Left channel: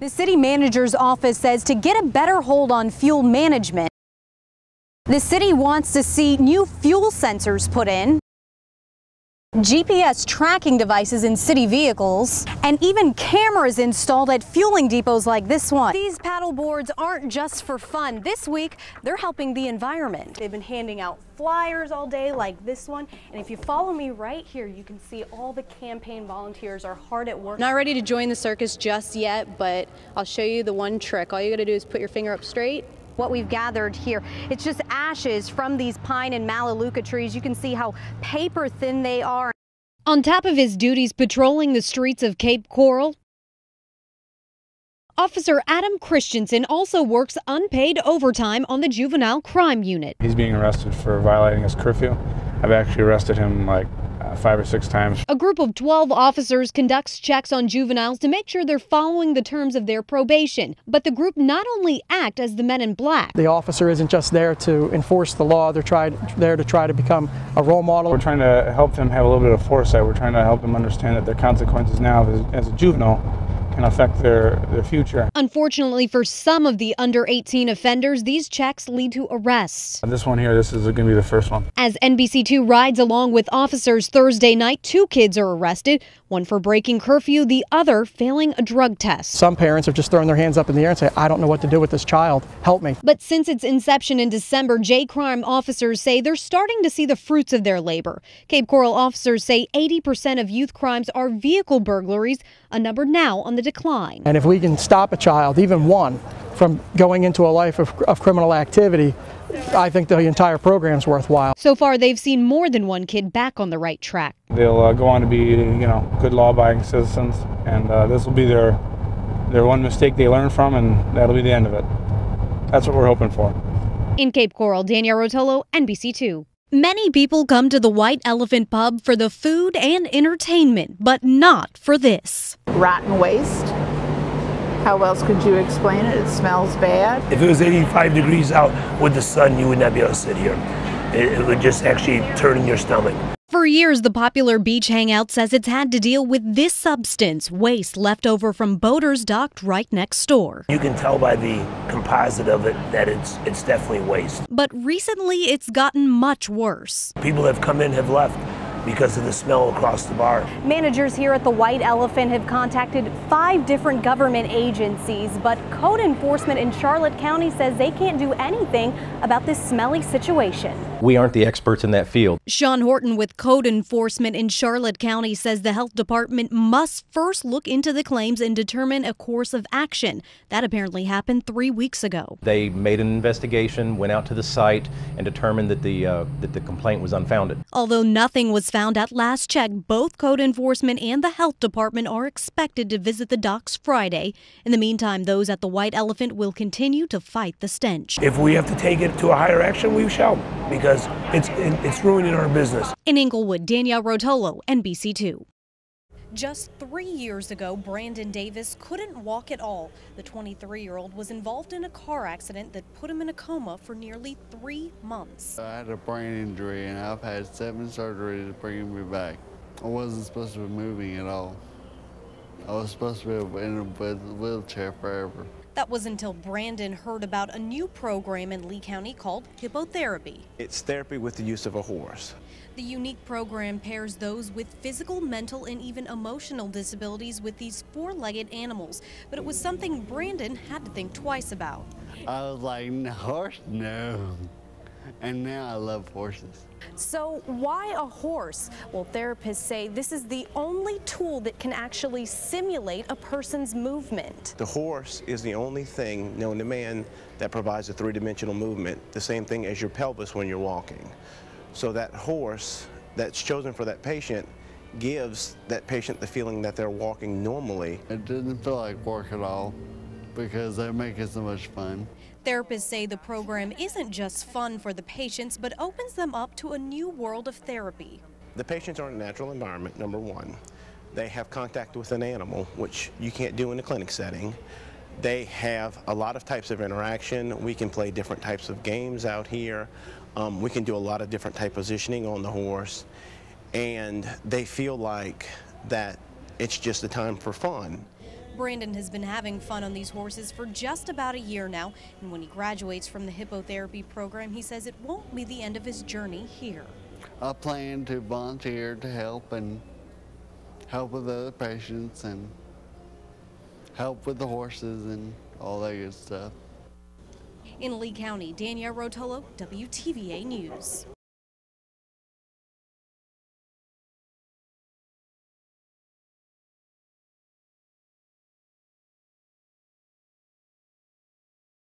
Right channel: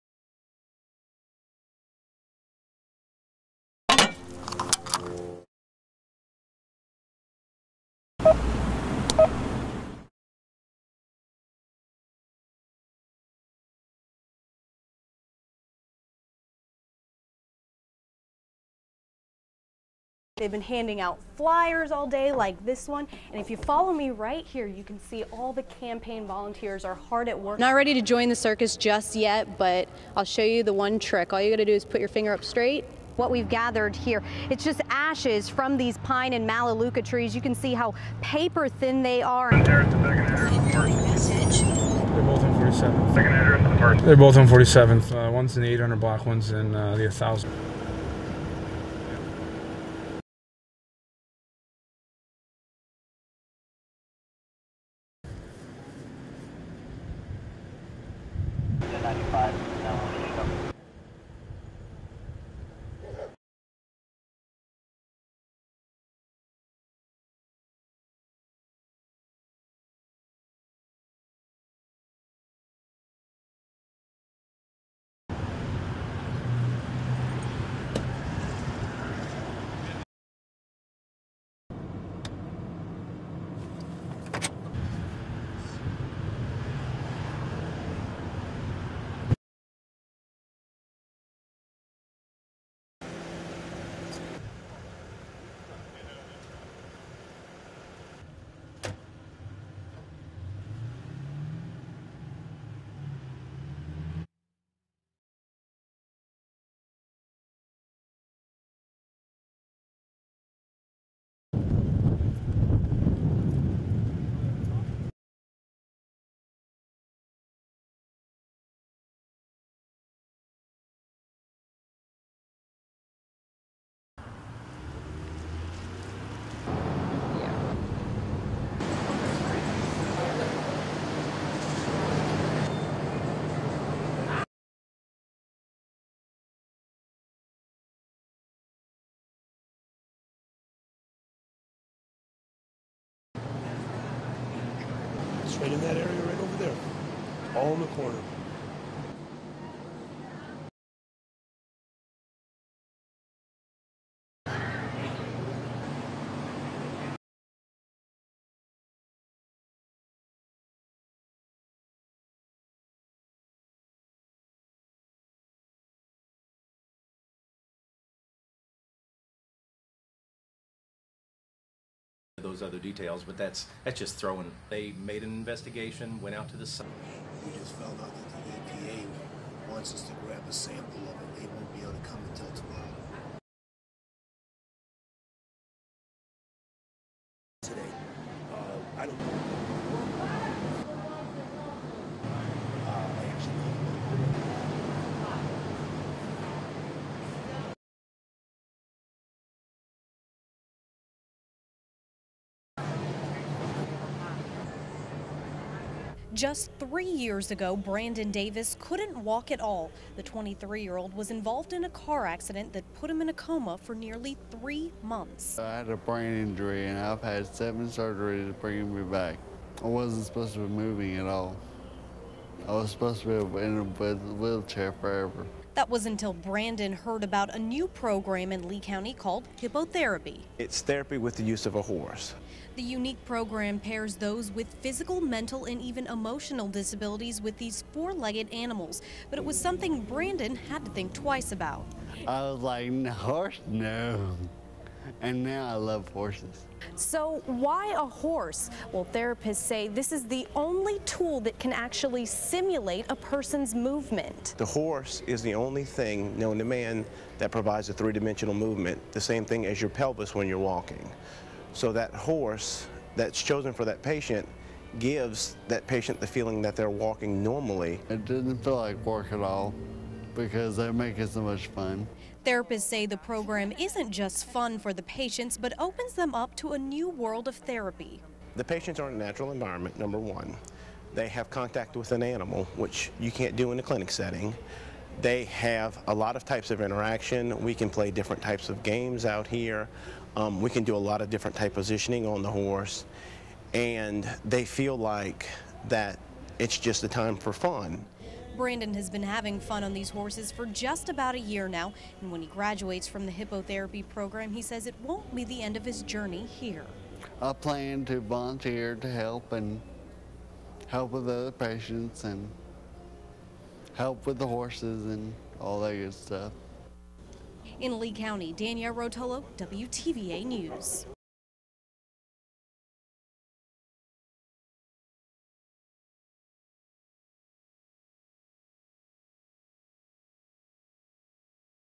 The city manager's office says to get a better hold on fuel management, the city wants to see new fuel sensors put in, GPS tracking devices in city vehicles, and even cameras installed at fueling depots like this one. These paddle boards aren't just for fun. This week, they're helping the environment. They've been handing out flyers all day like this one. And if you follow me right here, you can see all the campaign volunteers are hard at work. Not ready to join the circus just yet, but I'll show you the one trick. All you gotta do is put your finger up straight. What we've gathered here, it's just ashes from these pine and melaleuca trees. You can see how paper thin they are. On top of his duties patrolling the streets of Cape Coral, they're both on 47th. Officer Adam Christensen also works unpaid overtime on the juvenile crime unit. He's being arrested for violating his curfew. I've actually arrested him like 5 or 6 times. A group of 12 officers conducts checks on juveniles to make sure they're following the terms of their probation. But the group not only act as the men in black. The officer isn't just there to enforce the law, they're there to try to become a role model. We're trying to help them have a little bit of foresight. We're trying to help them understand that their consequences now as a juvenile can affect their future. Unfortunately for some of the under 18 offenders, these checks lead to arrests. This one here, this is going to be the first one. As NBC2 rides along with officers Thursday night, 2 kids are arrested, one for breaking curfew, the other failing a drug test. Some parents have just thrown their hands up in the air and say, I don't know what to do with this child, help me. But since its inception in December, J-Crime officers say they're starting to see the fruits of their labor. Cape Coral officers say 80% of youth crimes are vehicle burglaries, a number now on the decline. And if we can stop a child, even one, from going into a life of criminal activity, I think the entire program's worthwhile. So far, they've seen more than one kid back on the right track. They'll go on to be, good law-abiding citizens, and this will be their one mistake they learn from, and that'll be the end of it. That's what we're hoping for. In Cape Coral, Danielle Rotolo, NBC2. Many people come to the White Elephant Pub for the food and entertainment, but not for this. Rotten waste. How else could you explain it? It smells bad. If it was 85 degrees out with the sun, you would not be able to sit here. It would just actually turn in your stomach. For years, the popular beach hangout says it's had to deal with this substance, waste left over from boaters docked right next door. You can tell by the composite of it that it's definitely waste. But recently, it's gotten much worse. People have come in, have left because of the smell across the bar. Managers here at the White Elephant have contacted 5 different government agencies, but code enforcement in Charlotte County says they can't do anything about this smelly situation. We aren't the experts in that field. Sean Horton with code enforcement in Charlotte County says the health department must first look into the claims and determine a course of action. That apparently happened 3 weeks ago. They made an investigation, went out to the site, and determined that the complaint was unfounded. Although nothing was found at last check, both code enforcement and the health department are expected to visit the docks Friday. In the meantime, those at the White Elephant will continue to fight the stench. If we have to take it to a higher action, we shall, because it's ruining our business. In Inglewood, Danielle Rotolo, NBC2. Just 3 years ago, Brandon Davis couldn't walk at all. The 23-year-old was involved in a car accident that put him in a coma for nearly 3 months. I had a brain injury and I've had 7 surgeries to bring me back. I wasn't supposed to be moving at all. I was supposed to be in a wheelchair forever. That was until Brandon heard about a new program in Lee County called hippotherapy. It's therapy with the use of a horse. The unique program pairs those with physical, mental, and even emotional disabilities with these 4-legged animals. But it was something Brandon had to think twice about. I was like, horse? No. And now I love horses. So why a horse? Well, therapists say this is the only tool that can actually simulate a person's movement. The horse is the only thing known to man that provides a 3-dimensional movement, the same thing as your pelvis when you're walking. So that horse that's chosen for that patient gives that patient the feeling that they're walking normally. It didn't feel like work at all because they make it so much fun. Therapists say the program isn't just fun for the patients, but opens them up to a new world of therapy. The patients are in a natural environment, number one. They have contact with an animal, which you can't do in a clinic setting. They have a lot of types of interaction. We can play different types of games out here. We can do a lot of different type positioning on the horse. And they feel like that it's just a time for fun. Brandon has been having fun on these horses for just about a year now, and when he graduates from the hippotherapy program, he says it won't be the end of his journey here. I plan to volunteer to help and help with other patients and help with the horses and all that good stuff. In Lee County, Danielle Rotolo, WTVA News.